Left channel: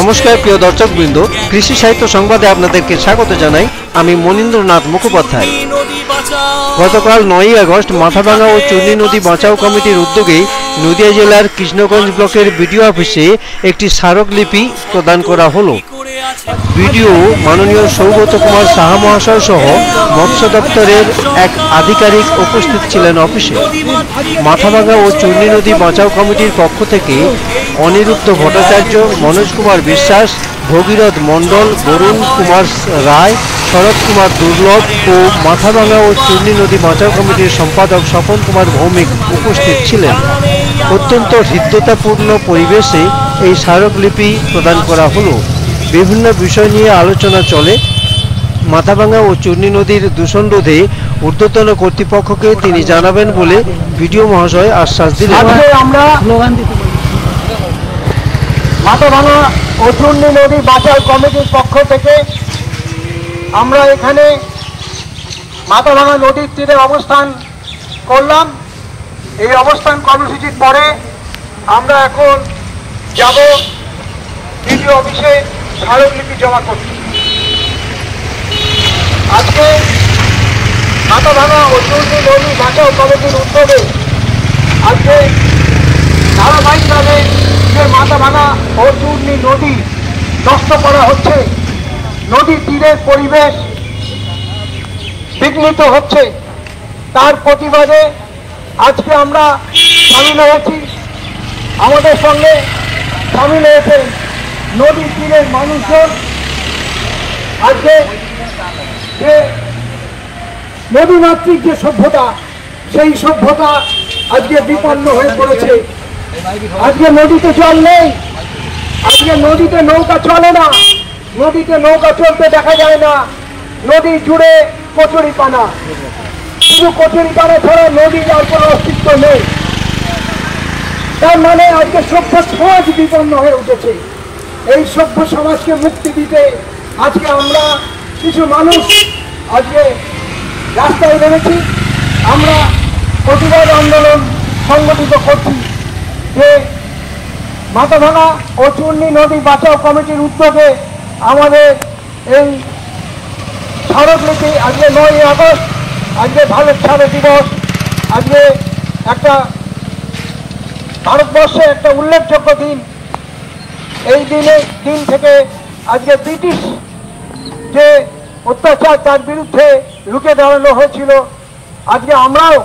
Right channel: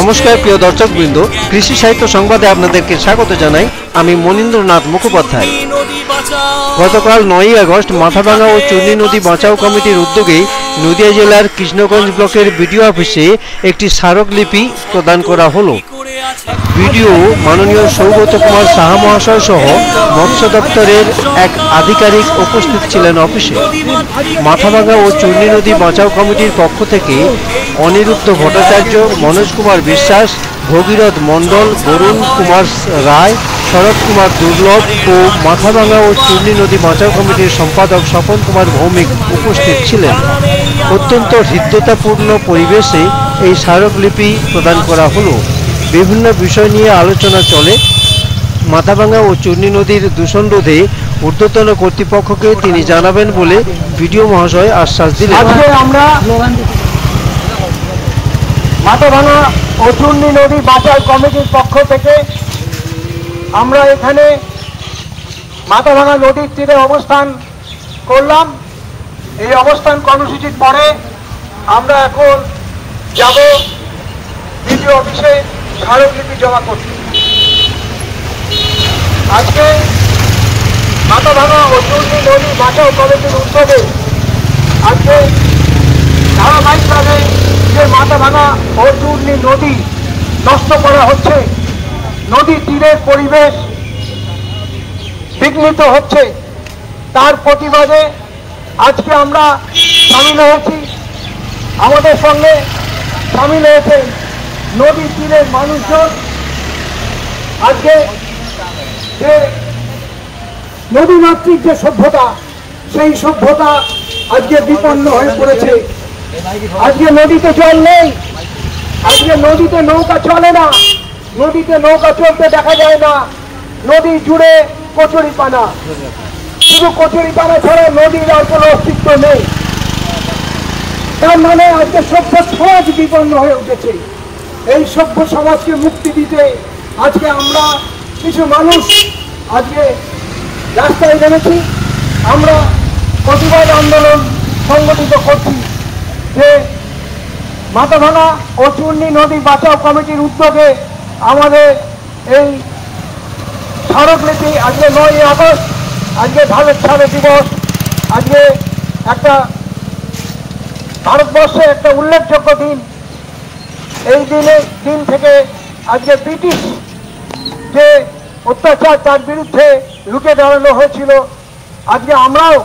নমস্কার প্রিয় দর্শকবৃন্দ, কৃষি সাহিত্য সংবাদে আপনাদেরকে স্বাগত জানাই। আমি মনীন্দ্রনাথ মুখোপাধ্যায়। গতকাল 9ই আগস্ট মাথাভাঙা ও চূর্ণী নদী বাঁচাও কমিটির উদ্যোগে নদিয়া জেলার কৃষ্ণগঞ্জ ব্লকের বিডিও অফিসে একটি স্মারকলিপি প্রদান করা হলো। বিডিও মাননীয় সৌগত কুমার সাহা মহাশয় সহ মৎস্য দপ্তরের এক আধিকারিক উপস্থিত ছিলেন অফিসে। মাথাভাঙা ও চূর্ণী নদী বাঁচাও কমিটির পক্ষ থেকে অনিরুদ্ধ ভট্টাচার্য, মনোজ কুমার বিশ্বাস, ভগীরথ মণ্ডল, বরুণ কুমার রায়, শরৎ কুমার দুর্লভ ও মাথাভাঙা ও চূর্ণী নদী বাঁচাও কমিটির সম্পাদক স্বপন কুমার ভৌমিক উপস্থিত ছিলেন। অত্যন্ত হৃদ্যতাপূর্ণ পরিবেশে এই স্মারকলিপি প্রদান করা হলো। বিভিন্ন বিষয় নিয়ে আলোচনা চলে। মাথাভাঙা ও চূর্ণী নদীর দূষণ রোধে ঊর্ধ্বতন কর্তৃপক্ষকে তিনি জানাবেন বলে বিডিও মহাশয় আশ্বাস দিলেন। মাথাভাঙা ও চূর্ণী নদী বাঁচাও কমিটির পক্ষ থেকে আমরা এখানে মাথাভাঙা নদীর তীরে অবস্থান করলাম। এই অবস্থান কর্মসূচির পরে আমরা এখন যাব বিডিও অফিসে স্মারকলিপি জমা করতে। আজকে মাথাভাঙা ও চূর্ণী নদী বাঁচাও কমিটির উদ্যোগে আজকে ধারাবাহিকভাবে যে মাথাভাঙা ও চূর্ণী নদী নষ্ট করা হচ্ছে, নদীর তীরের পরিবেশ বিঘ্নিত হচ্ছে, তার প্রতিবাদে আজকে আমরা সামিল হয়েছি। আমাদের সঙ্গে সামিল হয়েছে নদীর তীরের মানুষজন। আজকে যে নদীমাতৃক যে সভ্যতা, সেই সভ্যতা আজকে বিপন্ন হয়ে পড়েছে। আজকে নদীতে জল নেই, আজকে নদীতে নৌকা চলে না, নদীতে নৌকা চলতে দেখা যায় না। নদী জুড়ে কচুরিপানা, শুধু কচুরিপানা ছাড়া নদীর আর কোনো অস্তিত্ব নেই। তার মানে আজকে সভ্য সমাজ বিপন্ন হয়ে উঠেছে। এই সভ্য সমাজকে মুক্তি দিতে আজকে আমরা কিছু মানুষ আজকে রাস্তায় নেমেছি। আমরা প্রতিবাদ আন্দোলন সংগঠিত করছি যে মাথাভাঙা ও চূর্ণী নদী বাঁচাও কমিটির উদ্যোগে আমাদের এই স্মারকলিপি আজকে 9ই আগস্ট, আজকে ভারত ছাড়ো দিবস। আজকে একটা ভারতবর্ষে একটা উল্লেখযোগ্য দিন। এই দিন থেকে আজকে ব্রিটিশ যে অত্যাচার, তার বিরুদ্ধে রুখে দাঁড়ানো হয়েছিল। আজকে আমরাও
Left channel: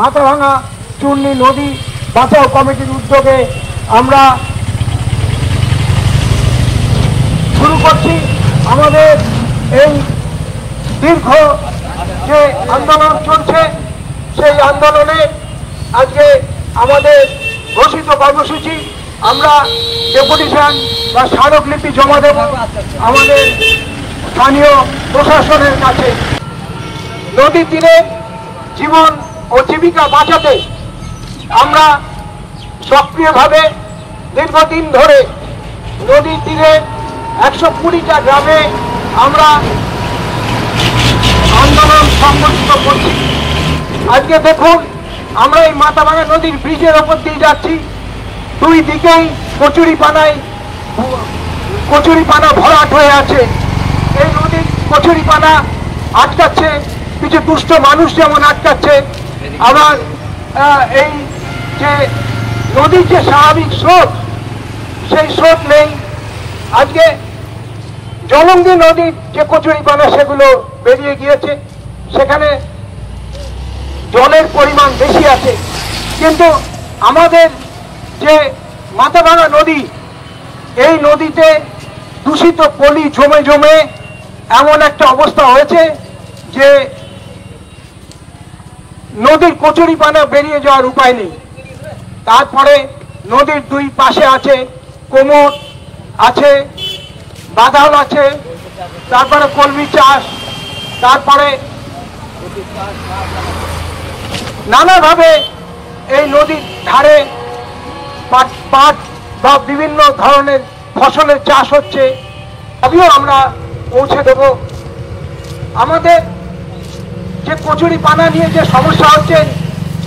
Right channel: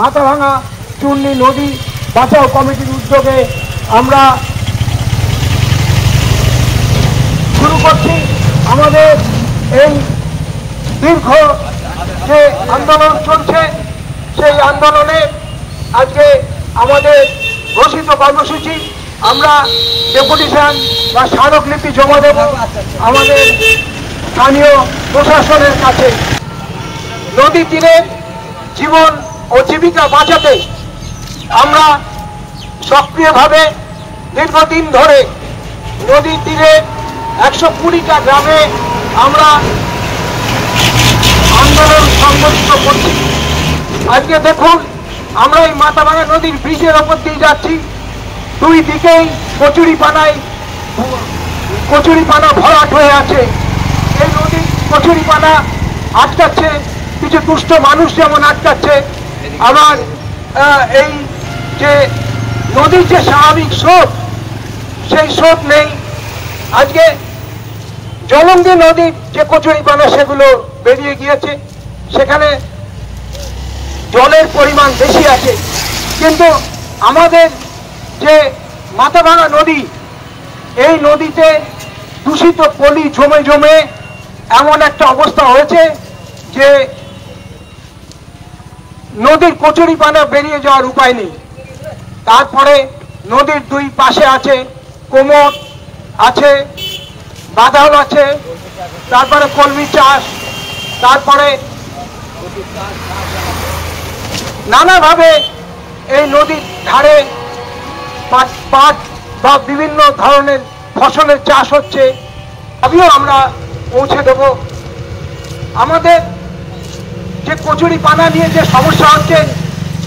মাথাভাঙা চূর্ণী নদী বাঁচাও কমিটির উদ্যোগে আমরা শুরু করছি আমাদের এই দীর্ঘ যে আন্দোলন চলছে, সেই আন্দোলনে আজকে আমাদের ঘোষিত কর্মসূচি আমরা ডেপুটেশন বা স্মারকলিপি জমা দেব আমাদের স্থানীয় প্রশাসনের কাছে। নদী তীরে জীবন ও জীবিকা বাঁচাতে আমরা সক্রিয়ভাবে দীর্ঘদিন ধরে নদীর তীরে 120টা গ্রামে আমরা আন্দোলন সংগঠিত করছি। আজকে দেখুন, আমরা এই মাথাভাঙা নদীর ব্রিজের ওপর দিয়ে যাচ্ছি, দুই দিকেই কচুরিপানা ভরাট হয়ে আছে। এই নদীর কচুরিপানা আটকাচ্ছে, কিছু দুষ্ট মানুষ যেমন আটকাচ্ছে, আবার এই যে নদীর যে স্বাভাবিক স্রোত, সেই স্রোত নেই। আজকে জলঙ্গি নদীর যে কচুরিপানা সেগুলো বেরিয়ে গিয়েছে, সেখানে জলের পরিমাণ বেশি আছে। কিন্তু আমাদের যে মাথাভাঙা নদী, এই নদীতে দূষিত পলি জমে জমে এমন একটা অবস্থা হয়েছে যে নদীর কচুরিপানা বেরিয়ে যাওয়ার উপায় নেই। তারপরে নদীর দুই পাশে আছে কোমর আছে, বাদাল আছে, তারপরে কলমি চাষ, তারপরে নানাভাবে এই নদীর ধারে পাট বা বিভিন্ন ধরনের ফসলের চাষ হচ্ছে। আমিও আমরা পৌঁছে দেব। আমাদের যে কচুরিপানা নিয়ে যে সমস্যা হচ্ছে,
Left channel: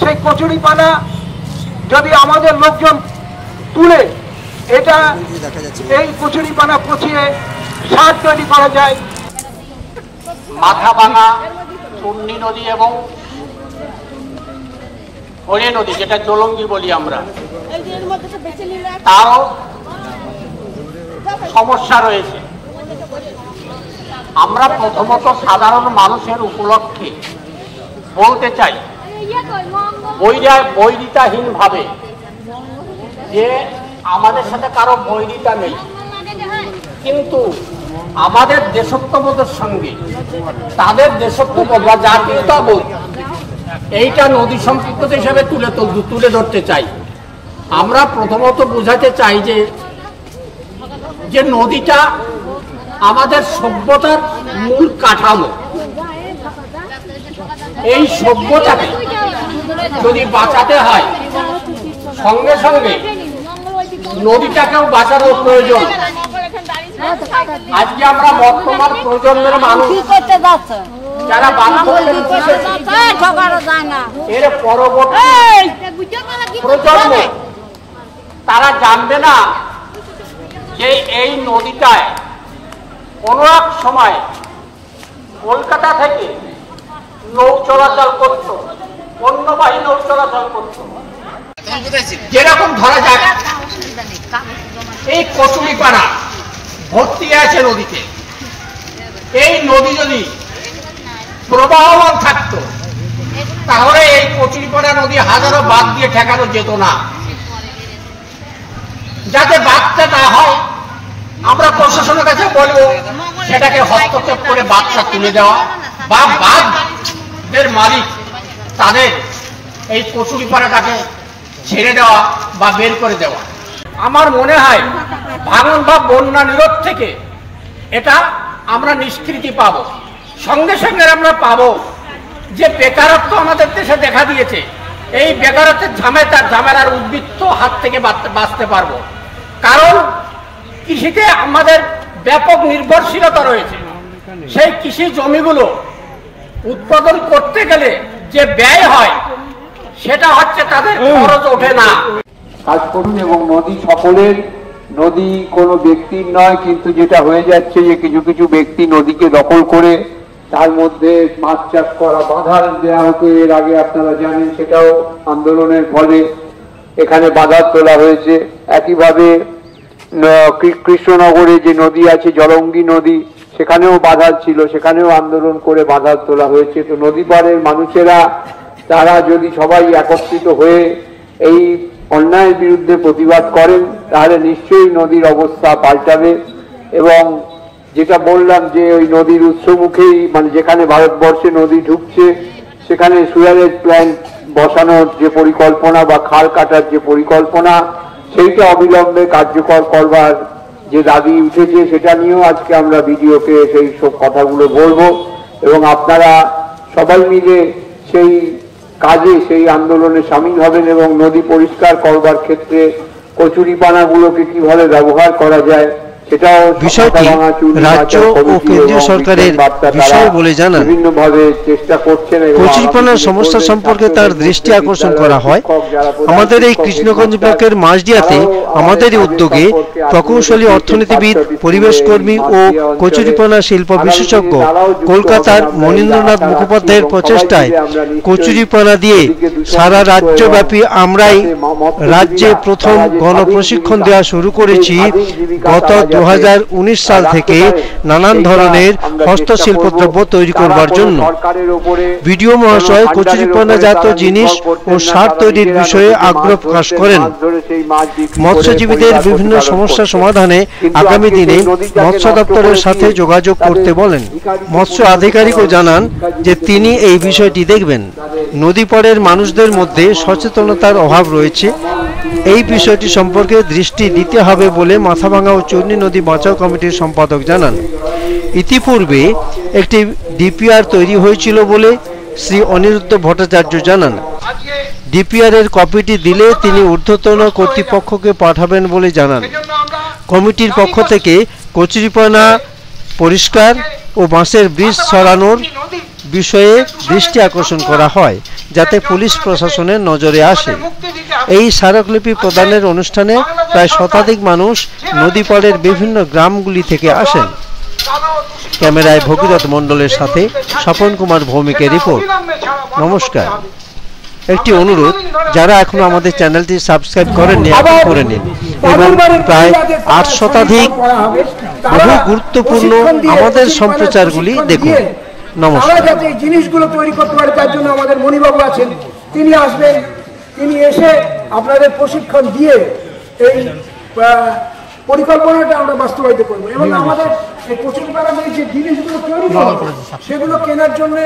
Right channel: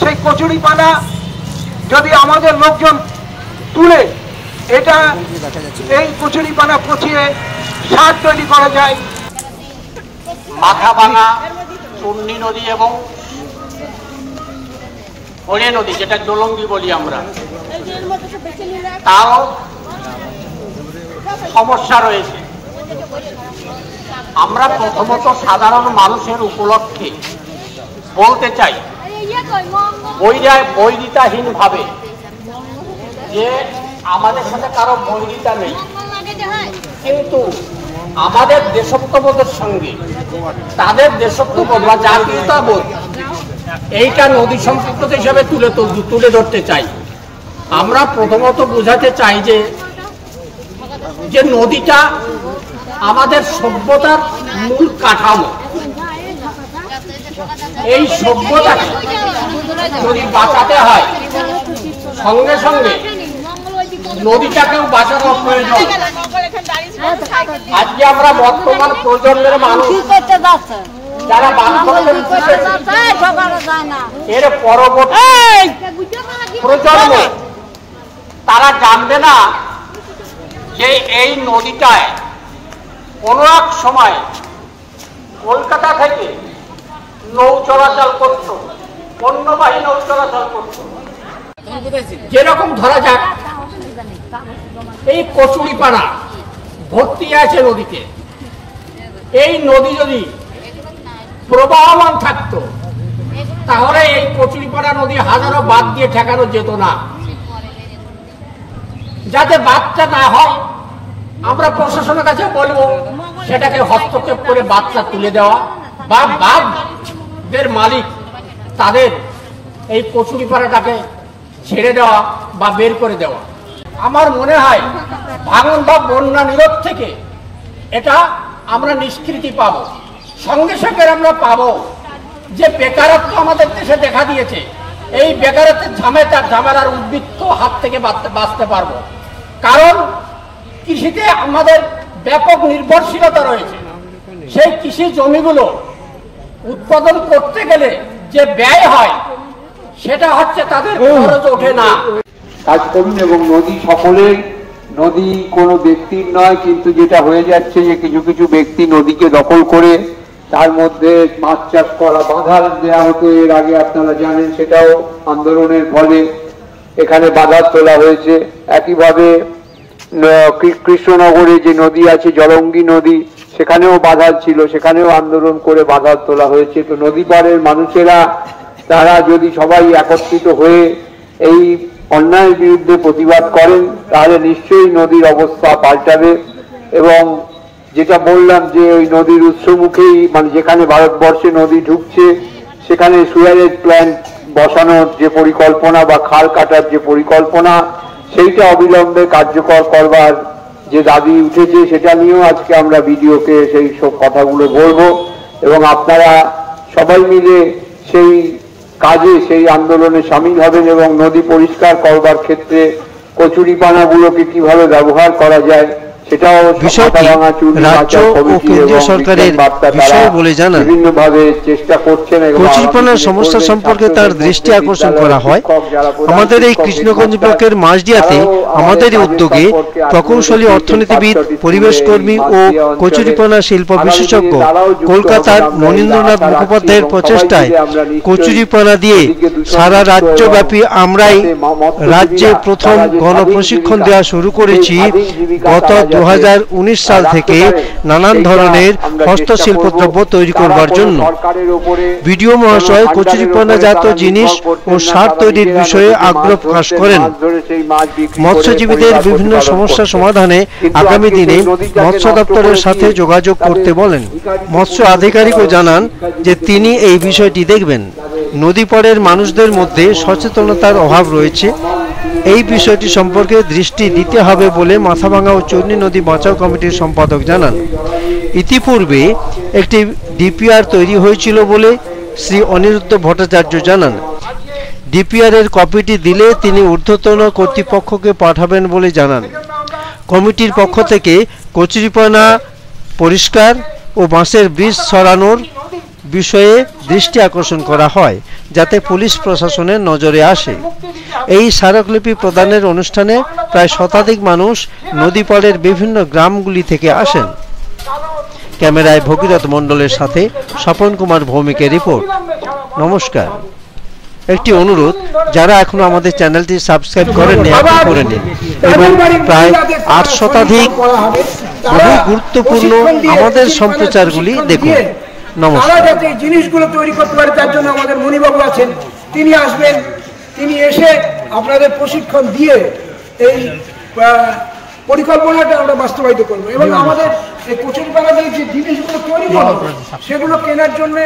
সেই কচুরিপানা যদি আমাদের লোকজন তুলে এটা এই কচুরিপানা পচিয়ে সার তৈরি করা যায়। মাথাভাঙা, চূর্ণী নদী এবং হরে নদী, যেটা জলঙ্গি বলি আমরা, তারও সমস্যা রয়েছে। আমরা প্রথমত সাধারণ মানুষের উপলক্ষে বলতে চাই, বৈরিতাহীন ভাবে, যে আমাদের সাথে কারো বৈরিতা নেই, কিন্তু আমাদের দেশত্ববোধের সঙ্গে তাদের দেশত্ববোধ বা জাতীয়তাবোধ এইটা নদী সম্পৃক্ত হিসাবে তুলে ধরতে চাই। আমরা প্রথমত বোঝাতে চাই যে নদীটা আমাদের সভ্যতার মূল কাঠামো। এই সভ্যতাকে যদি বাঁচাতে হয়, সঙ্গে সঙ্গে নদীটাকেও বাঁচানোর প্রয়োজন। আজকে আমরা বর্তমান প্রজন্মের মানুষ যারা বান্ধবদের এর পরবর্তী প্রজন্ম তারা জানবে না যে এই নদীটায় কোনো এক সময় কলকাতা থেকে নৌ চলাচল করত, পণ্যবাহী নৌ চলাচল করত। যেরকম ধরা যাক এই কচুরিপানা ভর্তি আছে নদীতে, এই নদী যদি প্রবাহমান থাকতো তাহলে এই কচুরিপানা নদী হাজারো বাঁধ দিয়ে ঠেকানো যেত না। যাতে বাঁধটা না হয়, আমরা প্রশাসনের কাছে বলবো সেটাকে হস্তক্ষেপ করে বাঁধটা তুলে দেওয়া, বা বাঁধের মালিক তাদের এই কচুরিপানাটাকে ছেড়ে দেওয়া বা বের করে দেওয়া। আমার মনে হয় ভাঙন বা বন্যা নিরোধ থেকে এটা আমরা নিষ্কৃতি পাবো। সঙ্গে সঙ্গে আমরা পাবো যে বেকারত্ব আমাদের দেশে দেখা দিয়েছে, এই বেকারত্বের ঝামেলার উদ্বৃত্ত হাত থেকে বাঁচতে পারবো। কারণ কৃষিতে আমাদের ব্যাপক নির্ভরশীলতা রয়েছে। সেই কৃষি জমিগুলো উৎপাদন করতে গেলে যে ব্যয় হয় সেটা হচ্ছে তাদের খরচ ওঠে না। কাজ করুন এবং নদী সকলের, নদী কোনো ব্যক্তির নয়, কিন্তু যেটা হয়ে যাচ্ছে যে কিছু কিছু ব্যক্তি নদীকে দখল করে তার মধ্যে মাছ চাষ করা বাধা দেওয়া হতো। এর আগে আপনারা জানেন, সেটাও আন্দোলনের ফলে এখানে বাধা তোলা হয়েছে। একইভাবে কৃষ্ণনগরে যে নদী আছে জলঙ্গি নদী, সেখানেও বাধা ছিল, সেখানেও আন্দোলন করে বাধা তোলা হয়েছে। তো নদী পাড়ের মানুষেরা তারা যদি সবাই একত্রিত হয়ে এই অন্যায়ের বিরুদ্ধে প্রতিবাদ করেন তাহলে নিশ্চয়ই নদীর অবস্থা পাল্টাবে। এবং যেটা বললাম যে ওই নদীর উৎসমুখেই, মানে যেখানে ভারতবর্ষে নদী ঢুকছে সেখানে সুয়ারেজ প্ল্যান্ট বসানোর যে পরিকল্পনা বা খাল কাটার যে পরিকল্পনা, সেইটা অবিলম্বে কার্যকর করবার যে দাবি উঠেছে, সেটা নিয়েও আজকে আমরা ভিডিওকে সেই সব কথাগুলো বলবো। এবং আপনারা সবাই মিলে সেই কাজে, সেই আন্দোলনে সামিল হবেন এবং নদী পরিষ্কার করবার ক্ষেত্রে কচুরিপানাগুলোকে কিভাবে ব্যবহার করা যায় সেটাও বিষয়টি রাজ্য ও কেন্দ্রীয় সরকারের বিষয় বলে জানান। বিভিন্নভাবে চেষ্টা করছেন। কচুরিপানার সমস্যা সম্পর্কে তার দৃষ্টি আকর্ষণ করা হয়। আমাদের এই কৃষ্ণগঞ্জ ব্লকের মাঝদিয়াতে আমাদেরই উদ্যোগে প্রকৌশলী অর্থনীতিবিদ, পরিবেশ কর্মী ও কচুরিপানা শিল্প বিশেষজ্ঞ কলকাতার মনীন্দ্রনাথ মুখোপাধ্যায়ের প্রচেষ্টায় কচুরিপানা দিয়ে সারা রাজ্যব্যাপী আমরাই রাজ্যে প্রথম গণপ্রশিক্ষণ দেওয়া শুরু করেছি। গত 2019 সাল থেকে নানান ধরনের হস্তশিল্প দ্রব্য তৈরি করবার জন্য। বিডিও মহাশয় কচুরিপানাজাত জিনিস ও সার তৈরির বিষয়ে আগ্রহ প্রকাশ করেন। মৎস্যজীবীদের বিভিন্ন সমস্যা সমাধানে আগামী দিনে মৎস্য দপ্তরের সাথে যোগাযোগ করতে বলেন। মৎস্য আধিকারিকও জানান যে তিনি এই বিষয়টি দেখবেন। নদী পাড়ের মানুষদের মধ্যে সচেতনতার অভাব রয়েছে, এই বিষয়টি সম্পর্কে দৃষ্টি দিতে হবে বলে মাথাভাঙা ও চূর্ণী নদী বাঁচাও কমিটির সম্পাদক জানান। ইতিপূর্বে একটি ডিপিআর তৈরি হয়েছিল বলে শ্রী অনিরুদ্ধ ভট্টাচার্য জানান। ডিপিআর এর কপিটি দিলে তিনি ঊর্ধ্বতন কর্তৃপক্ষকে পাঠাবেন বলে জানান। কমিটির পক্ষ থেকে কচুরিপানা পরিষ্কার ও বাঁশের ব্রিজ সরানোর বিষয়ে দৃষ্টি আকর্ষণ করা হয়। যাতে পুলিশ প্রশাসনের নজরে আসে। এই স্মারকলিপি প্রদানের অনুষ্ঠানে প্রায় শতাধিক মানুষ নদীপাড়ের বিভিন্ন গ্রামগুলি থেকে আসেন। ক্যামেরায় ভগীরথ মণ্ডলের সাথে স্বপন কুমার ভৌমিকের রিপোর্ট। নমস্কার। একটি অনুরোধ, যারা এখনো আমাদের চ্যানেলটি সাবস্ক্রাইব করেননি এখন করে নিন এবং প্রায় 8 শতাধিক বহু গুরুত্বপূর্ণ আমাদের সম্প্রচারগুলি দেখুন। নমস্কার। তারা যাতে জিনিসগুলো তৈরি করতে পারে তার জন্য আমাদের মণিবাবু আছেন, তিনি আসবেন, তিনি এসে আপনাদের প্রশিক্ষণ দিয়ে এই পরিকল্পনাটা আমরা বাস্তবায়িত করবো এবং আমাদের এই কচুরিপাড়ার যে জিনিসগুলো তৈরি করবো সেগুলো কেনার জন্য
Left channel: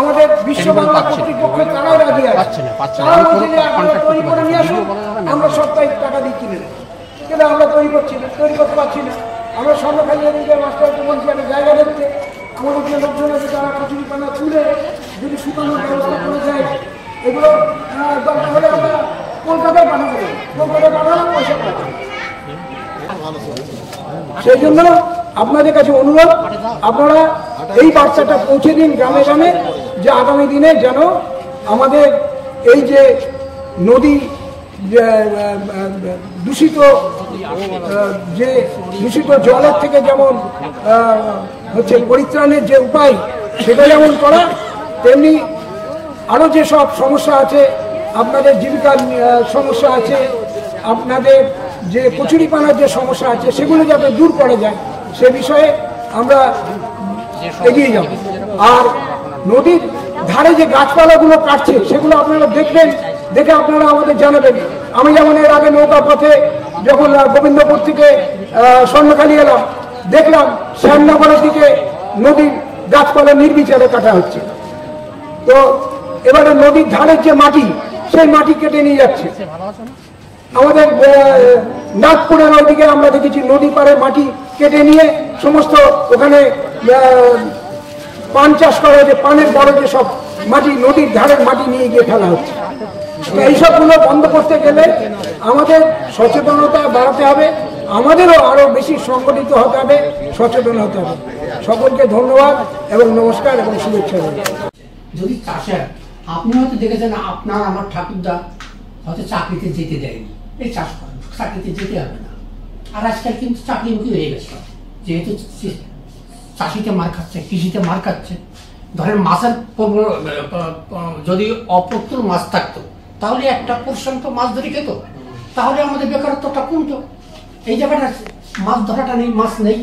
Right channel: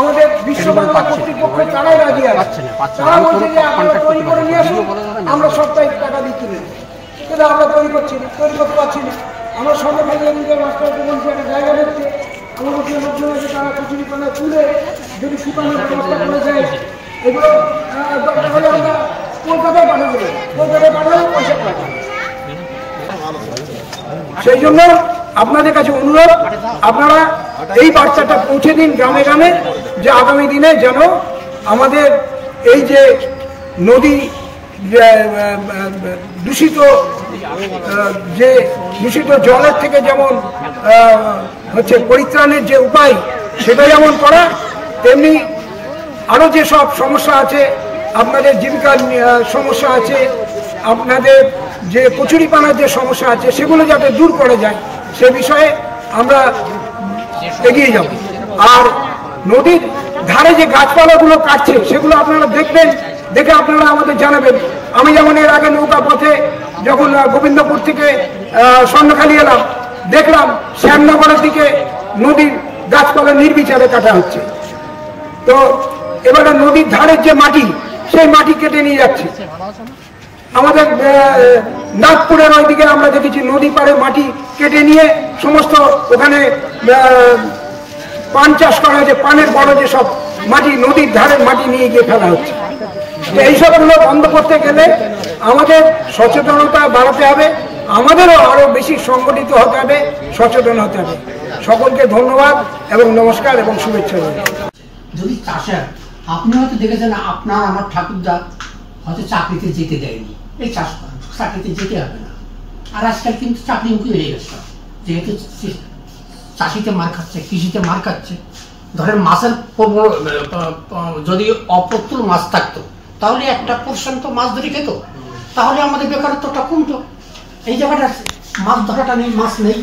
আমাদের বিশ্ব বাংলা কর্তৃপক্ষ তারাই রাজি আছে। তারা বলছে যে আপনারা তৈরি করে নিয়ে আসুন, আমরা সাপ্তাহিক টাকা দিয়ে কিনে নেব, কিন্তু আমরা তৈরি করতে পারছি না। আমরা সর্বকালীয় মাস্টারকে বলছি একটা জায়গা দেখতে, আমাদের যে লোকজন আছে তারা কচুরিপানা তুলে যদি শুকানোর ব্যবস্থা করে যায়, এগুলো কলকাতায় পাঠাবে, কলকাতায় পাঠালে পয়সা পাঠাবে। সেই জন্য আপনাদের কাছে অনুরোধ, আপনারা এই বার্তাটা পৌঁছে দিন গ্রামে গ্রামে, যে আগামী দিনে যেন আমাদের এই যে নদী দূষিত জলের থেকে যেমন হচ্ছে পরিত্রাণের যে উপায় সেটা যেমন করা, তেমনি আরও যে সব সমস্যা আছে, আপনাদের জীবিকার সমস্যা আছে, আপনাদের যে কচুরিপানার যে সমস্যা আছে সেগুলো যাতে দূর করা যায় সে বিষয়ে আমরা এগিয়ে যাব। আর নদীর ধারে যে গাছপালাগুলো কাটছে সেগুলো আপনারা দেখবেন, দেখে আপনারা আমাদের জানাবেন। আমি যেমন এর আগে নৌকা পথে যখন গোবিন্দপুর থেকে স্বর্ণখালি এলাম, দেখলাম শ্যামনগরের দিকে নদীর গাছপালা নির্বিচারে কাটা হচ্ছে। তো এবারে নদীর ধারের যে মাটি, সেই মাটি কেটে নিয়ে যাচ্ছে। আমাদের নাগপুরের ওইদিকে আমরা দেখেছি নদী পাড়ে মাটি কেটে নিয়ে সমস্ত ওখানে পান চাষ করা হয়েছে, পানের বড় যে সব মাটি নদীর ধারের মাটি নিয়ে গিয়ে ফেলা হচ্ছে। এইসবগুলো বন্ধ করতে গেলে আমাদের সচেতনতা বাড়াতে হবে, আমাদেরও আরো বেশি সংগঠিত হতে হবে, সচেতন হতে হবে। সকলকে ধন্যবাদ এবং নমস্কার এবং শুভেচ্ছা। যদি চাষের আপনি হয়তো দেখেছেন, আপনার আমার ঠাকুরদা হয়তো চাকরিতে যেতে দেয়নি, এই চাষ করেন, চাকরিতে যেতে হবে না। আর আজকাল কিন্তু চাকরিমুখী হয়ে গেছে, যেহেতু চাষিতে মার খাচ্ছে, কৃষিতে মার খাচ্ছে। ধরেন মাছের যদি অপ্রতুল মাছ থাকতো তাহলে একটা পোর্শন তো মাছ ধরে খেত, তাহলে আমাদের বেকারত্বটা কমতো। এই জায়গাটা মাছ ধরাটা নেই, মাছ নেই।